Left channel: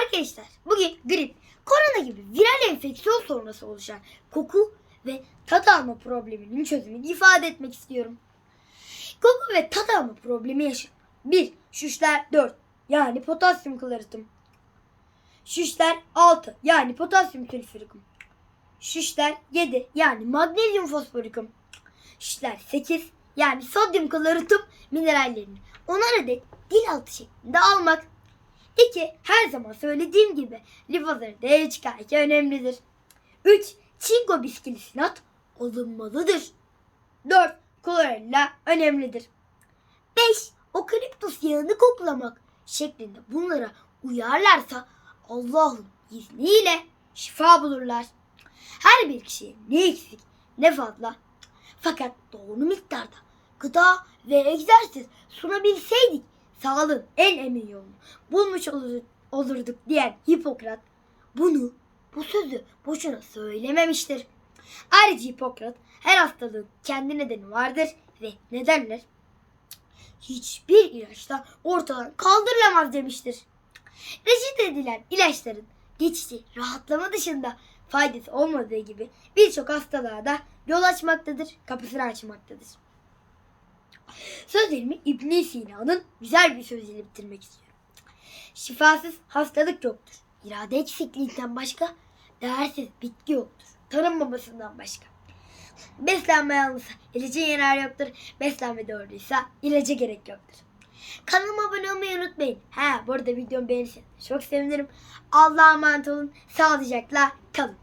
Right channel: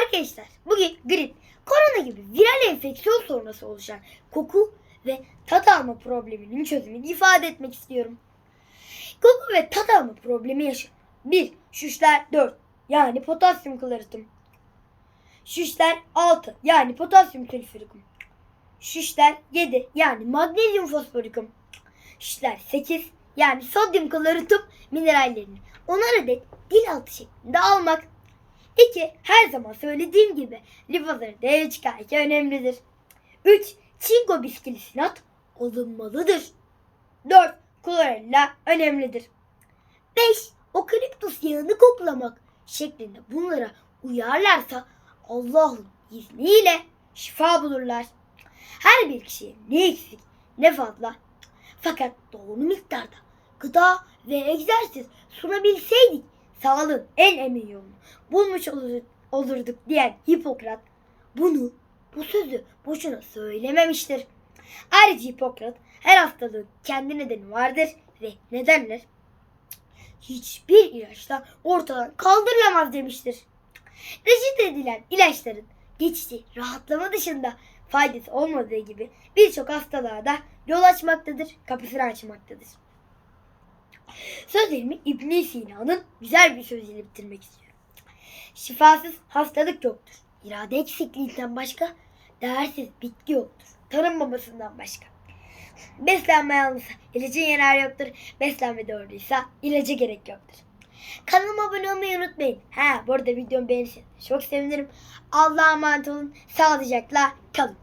Arkadaşlar bugün grip, korona gibi viral enfeksiyon sonrası oluşan koku ve tat alma probleminin çözümünü ifade etmek istiyorum. Koku ve tat alma problemi yaşayan 1. Şüşler 4 yani potasyum kloritüm. Şüşler 6 yani potasyum sülfürikum. Şüşler 7 yani magnezyum fosforikum. Şüşler 8 yani sodyum kloritüm minerallerini onar adet dil altı şeklinde almak. 2. Her zaman söylediğim gibi lifozları değeri çıkarken önemlidir. 3. Çinko biskilisinat alınmalıdır. 4. Klorella önemlidir. 5. Okaliptus yağını koklamak şeklinde bunlara uyarlarsa Allah'ın izniyle şifa bulurlar. Her bir kişiye ne eksik ne fazla fakat doğru miktarda gıda ve egzersiz sunabilseydik sağlığın en emin yolunu bulmuş olur- olurduk diyen Hipokrat bunu bu sözü boşuna söylememiştir. Ayrıca Hipokrat her hastalığın kendi nedeni vardır ve nedenler hiçbir ilaçla ortadan kaldırılamaz demiştir. Reçete edilen ilaçların geçici rahatlama dışında faydası olmadığı gibi birçok hastalığa da yol açmaktadır, kapısını açmaktadır. Sözlerimi İbn Sina'nın güzel bir sözüyle bitirmek istiyorum. Şifasız hastalık yoktur. İrade eksikliğinden başka değersiz bitki yoktur. Tanınmamasından başka. Beslenme yanlışsa ilacın yararı yoktur. Beslenme doğruysa ilaca gerek yoktur. Kanalıma abone olmayı unutmayın. Ha bu arada videomu beğenirseniz çok sevinirim. Allah'a emanet olun. Sağlıcakla kalın.